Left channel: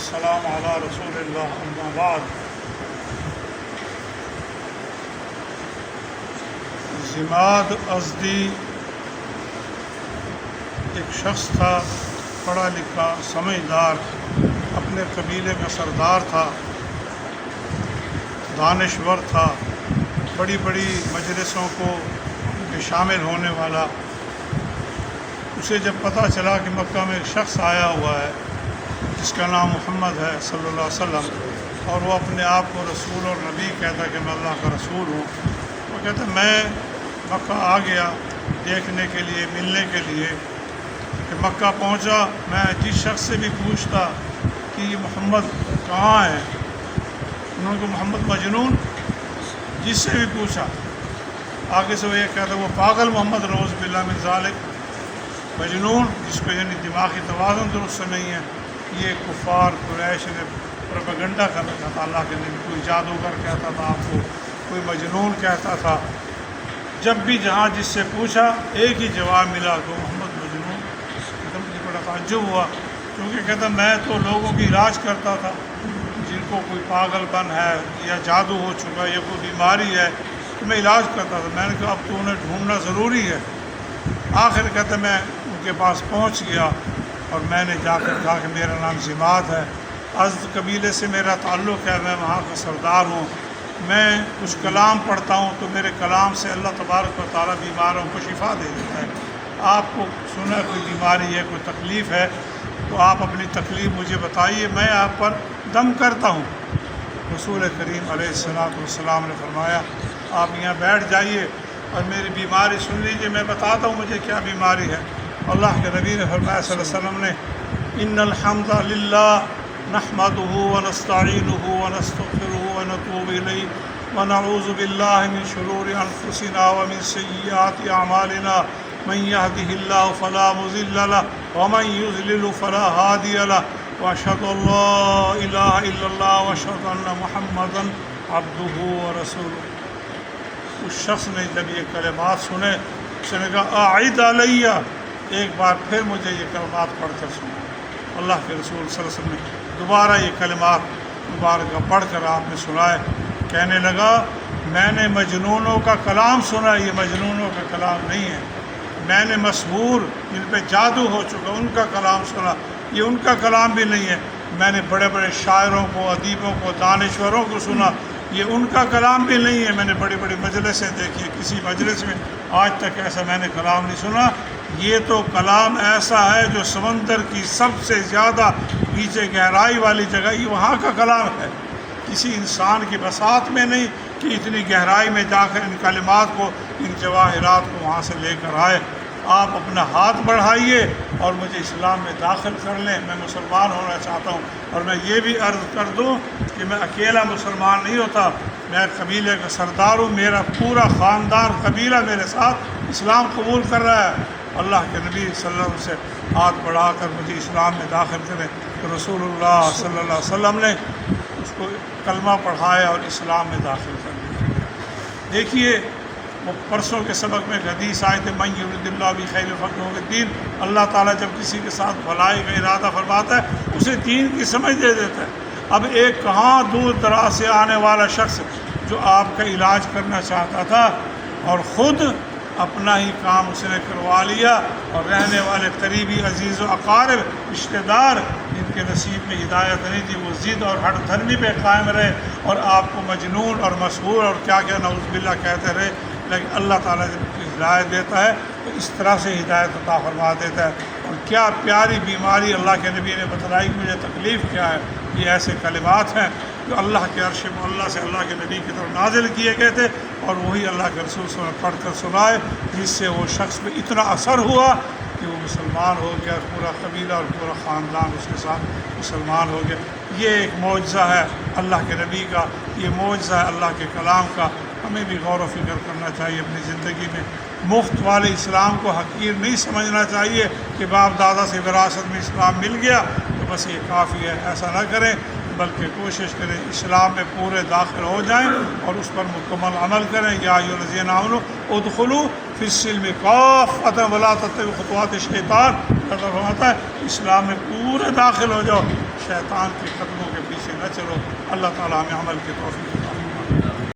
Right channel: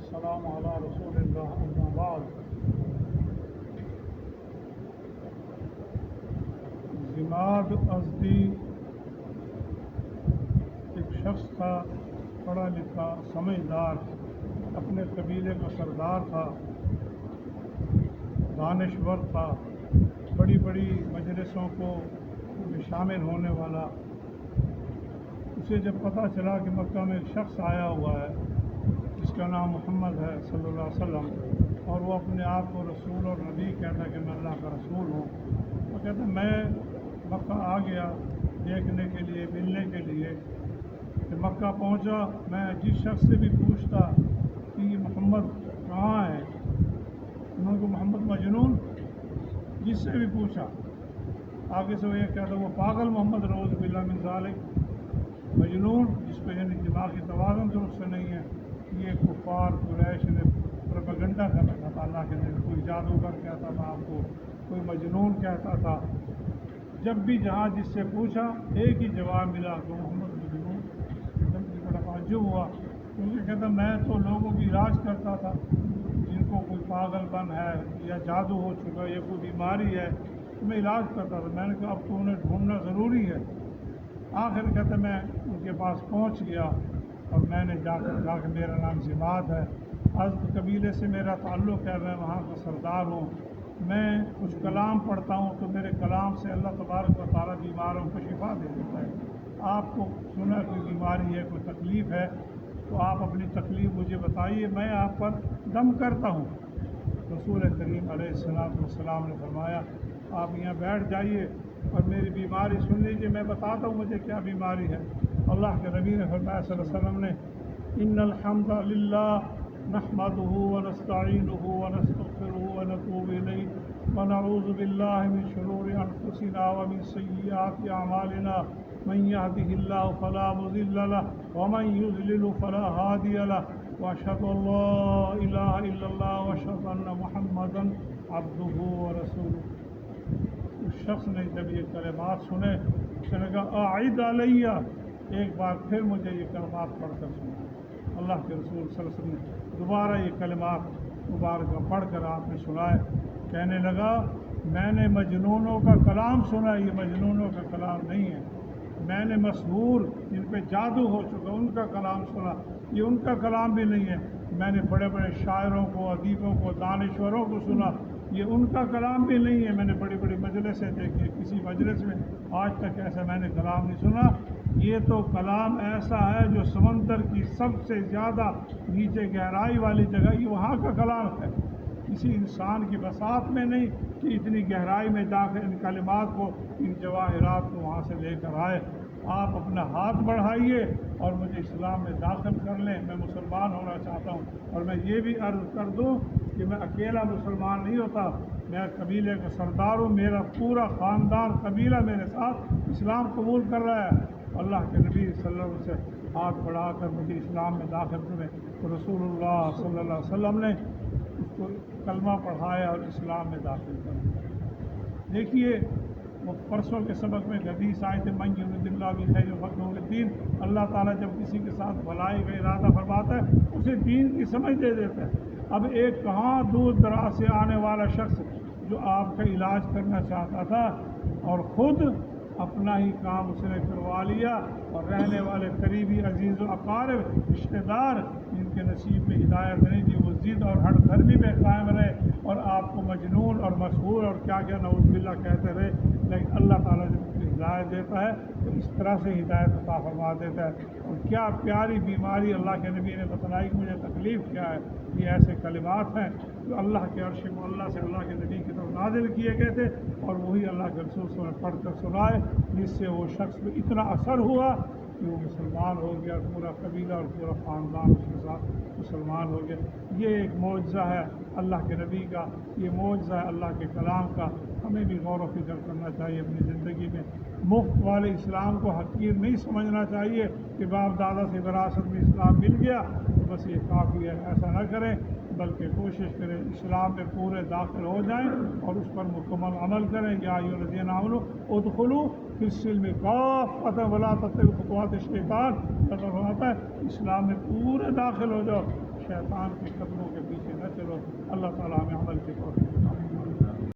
والسلام علی رسول اللہ اما بعد۔ ضماد ازدی ایک شخص تھا، پڑھا لکھا، سمجھدار، اپنے قبیلے کا سردار تھا، دانشور تھا، بڑی بڑی مجلسوں کو میں شامل ہونے والا۔ اسے جب پتہ چلا کہ مکہ میں ایک شخص آیا ہوا ہے جس کا نام محمد ہے صلی اللہ علیہ وسلم، اور وہ اپنے آپ کو رسول اور نبی کہتا کہ میں اللہ کا رسول ہوں، وہ کہتا میں مکہ آ گیا دیکھنے کے لیے، ملنے کے لیے۔ کہ مکہ پہنچا، میں جس شخص سے بھی پوچھتا کہ یہ محمد کہاں ہے، انہوں نے محمد مجنون، جس سے بھی پوچھا آگے سے وہ یہ کہتا وہ پاگل محمد، روز باللہ من ذالک، مجنون جس کو یعنی دماغی توازن درست سے نہیں ہے۔ یہ کفار قریش نے پروپیگنڈا کر رکھا تھا اللہ کے نبی، کوئی جادوگر کہتا تھا آپ کو، کوئی مجنون کہتا تھا۔ جب بھی جہاں جس سے پوچھا ایک ہی جواب ملا کہ محمد مجنون۔ مجھے بڑا تعجب ہوا، کیونکہ کہتا میں تو لوگوں کی علاج کرتا تھا جن کو کوئی پاگل پن ہے یا جادو ہو چکا ہے یا کوئی بیماری ہے، تو میں علاج کرتا تھا۔ میں نے کہا اب تو انہیں ڈھونڈنا ضروری ہے۔ آخر کہتے میں ان کے پاس پہنچ گیا اور میں نے جا کر کہا کہ میرا نام ضماد ہے، ازد قبیلے سے میرا تعلق ہے، میں وہاں کا سردار ہوں، میں کچھ کلام پڑھتا ہوں تو میرے کلام سے اللہ تبارک و تعالیٰ بیماروں کو شفا دے دیتا ہے۔ آپ کو سنا کوئی بیماری ہے، کوئی تکلیف ہے تو آپ اپنی تکلیف مجھے بتائیے، میں آپ پر دم کرتا ہوں۔ رسول کریم علیہ السلام نے فرمایا آپ یہاں بیٹھ جائیے اور میری بیماری سن لیجیے، میں بتاتا ہوں مجھے کیا بیماری ہے۔ اللہ کے نبی نے فرمایا صلی اللہ علیہ وسلم نے ان الحمد للہ نحمدہ ونستعینہ ونستغفرہ ونتوب الیہ ونعوذ باللہ من شرور انفسنا ومن سیئات اعمالنا من یہدہ اللہ فلا مضل لہ ومن یضلل فلا ہادی لہ واشہد ان لا الہ الا اللہ واشہد ان محمدا عبدہ ورسولہ۔ اس شخص نے جب یہ کلمات سنے، اس نے کہا اعد علیہ، ایک بار پھر مجھے یہ کلمات پڑھ کر سنا۔ اللہ کے رسول صلی اللہ علیہ وسلم نے دوبارہ یہ کلمات مبارکہ پڑھ کر آپ نے سنائے۔ کہنے لگا میں نے مجنونوں کا کلام سنا، یہ مجنونوں کا کلام نہیں ہے۔ میں نے مسحور جن پہ جادو ہو چکا ان کا کلام سنا، یہ ان کا کلام بھی نہیں ہے۔ میں نے بڑے بڑے شاعروں کو، ادیبوں کو، دانشوروں کو سنا، یہ ان کا کلام بھی نہیں ہے۔ میں نے بڑی بڑی مجلسیں دیکھی، کسی مجلس میں آج تک ایسا میں نے کلام نہیں سنا۔ یہ تو کلام ایسا ہے جو سمندر کی سب سے زیادہ نیچے گہرائی والی جگہ، یہ وہاں کا کلام ہے، کسی انسان کی بساط میں نہیں کہ اتنی گہرائی میں جا کر ان کلمات کو، ان جواہرات کو وہاں سے لے کر آئے۔ آپ اپنا ہاتھ بڑھائیے اور مجھے اسلام میں داخل کر لیں، میں مسلمان ہونا چاہتا ہوں۔ اور میں یہ بھی عرض کر دوں کہ میں اکیلا مسلمان نہیں ہوتا، میں قبیلے کا سردار ہوں، میرا پورا خاندان قبیلہ میرے ساتھ اسلام قبول کر رہا ہے۔ اللہ کے نبی صلی اللہ علیہ وسلم سے ہاتھ بڑھا کر مجھے اسلام میں داخل کریں، تو رسول اللہ صلی اللہ علیہ وسلم نے اس کو کلمہ پڑھایا اور اسلام میں داخل کر دیا۔ دیکھیے وہ پرسوں کے سبق میں ایک حدیث آئے تھے من یرید اللہ بہ خیر یفقہہ فی الدین، اللہ تعالیٰ جب کسی کے ساتھ بھلائی کا ارادہ فرماتا ہے اسے دین کی سمجھ دے دیتا ہے۔ اب ایک کہاں دور دراز سے آنے والا شخص جو آپ کا علاج کرنا چاہتا تھا اور خود اپنا ہی کام اس نے کروا لیا، اور رہنے والے قریبی عزیز و اقارب رشتہ دار جن کے نصیب میں ہدایت نہیں تھی وہ ضد اور ہٹ دھرمی پہ قائم رہے اور آپ کو مجنون اور مسحور اور کیا کیا نعوذ باللہ کہتے رہے۔ لیکن اللہ تعالیٰ جب ہدایت دیتا ہے تو اس طرح سے ہدایت عطا فرما دیتا ہے۔ اور کیا پیاری بیماری اللہ کے نبی نے بتلائی کہ مجھے تکلیف کیا ہے۔ یہ ایسے کلمات ہیں جو اللہ کے عرش معلیٰ سے اللہ کے نبی کی طرف نازل کیے گئے تھے، اور وہی اللہ کے رسول صلی اللہ علیہ وسلم پڑھ کر سنائے، جس سے وہ شخص پہ اتنا اثر ہوا کہ وہ مسلمان ہو گیا، پورا قبیلہ اور پورا خاندان اس کے ساتھ مسلمان ہو گیا۔ یہ ایک معجزہ ہے اللہ کے نبی کا، یہ معجزہ ہے اللہ کے کلام کا۔ ہمیں بھی غور و فکر کرنا چاہیے اپنی زندگی میں، مفت والے اسلام کو حقیر نہیں سمجھنا چاہیے کہ باپ دادا سے وراثت میں اسلام مل گیا تو بس یہ کافی ہے، ایسا نہ کریں، بلکہ کوشش کریں اسلام میں پورے داخل ہو جائیں اور اس پر مکمل عمل کریں۔ یا ایھا الذین آمنوا ادخلوا فی السلم کافۃ ولا تتبعوا خطوات الشیطان، اللہ فرماتا ہے اسلام میں پورے داخل ہو جاؤ، شیطان کے قدموں کے پیچھے نہ چلو۔ اللہ تعالیٰ ہمیں عمل کی توفیق عطا فرمائے۔